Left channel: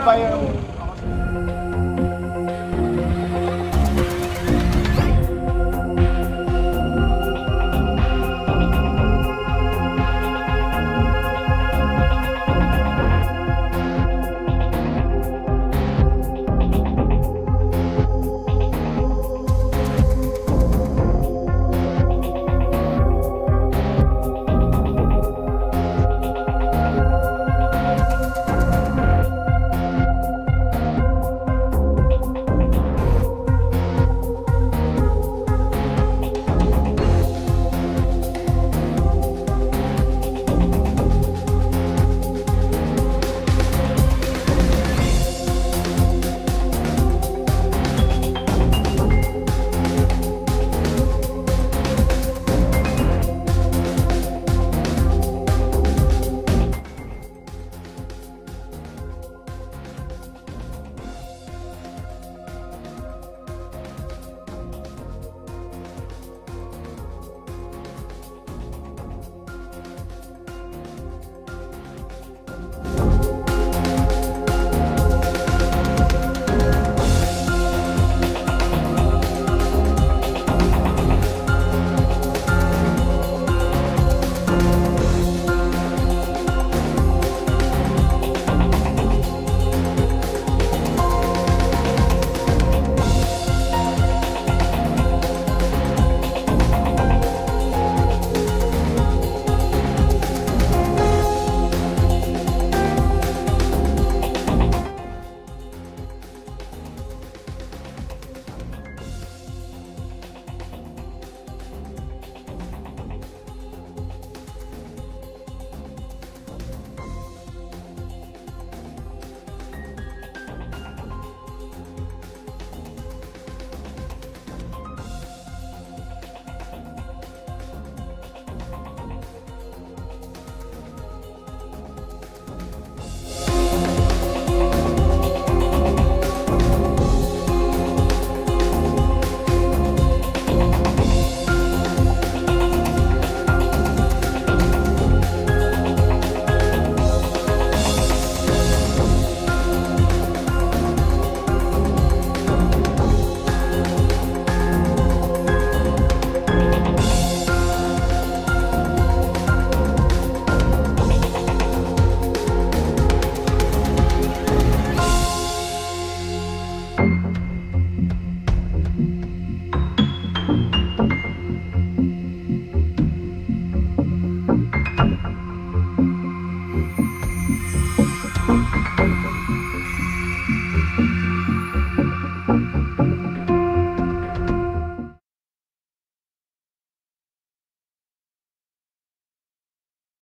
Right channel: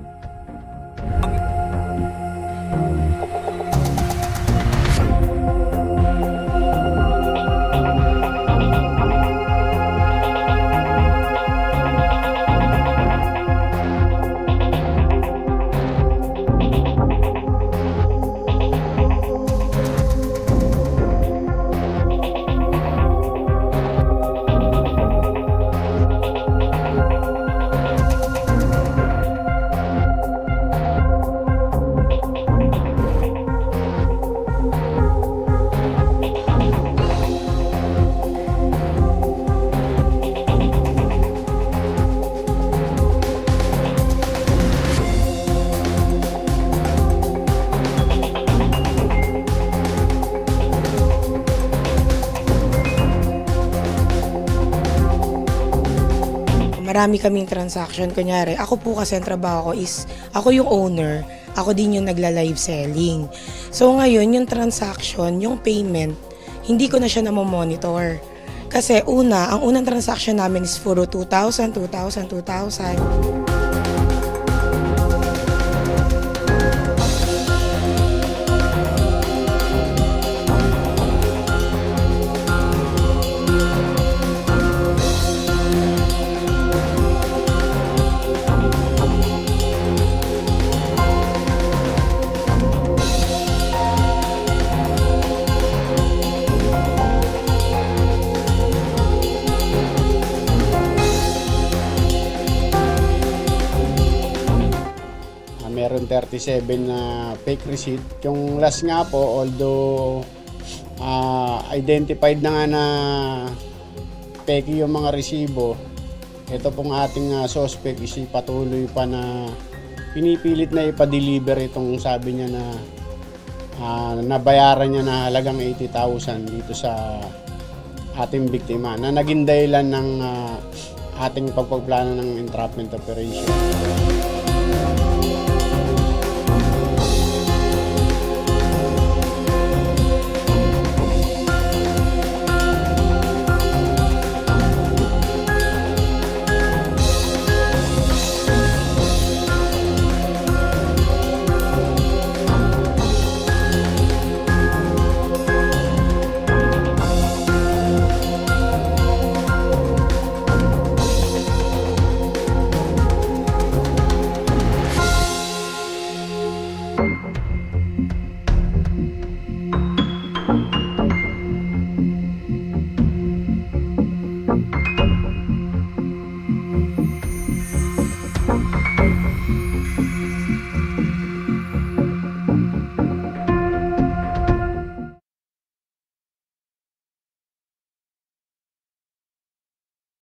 ba yung... Marami kaming transaction. Kunyari, ako po kasi ang trabaho ko is, ako yung owner, ako din yung nagla-live selling. So ngayon, yung transaction, yung payment, hindi ko na siya namomonitor. Kasi ang unang transaction namin is puro 2,000, 2,000, 2,000. Meron 37 na fake receipt. Yung last nga po, although identified na nga na fake yung mga resibo, ito pong ating suspect is patuloy pa na pinipilit na ipa-deliver itong sabi niya na nabayaran niya na halagang 80,000 dito sa ating biktima na naging dahilan ng ating pagpaplano ng entrapment operation.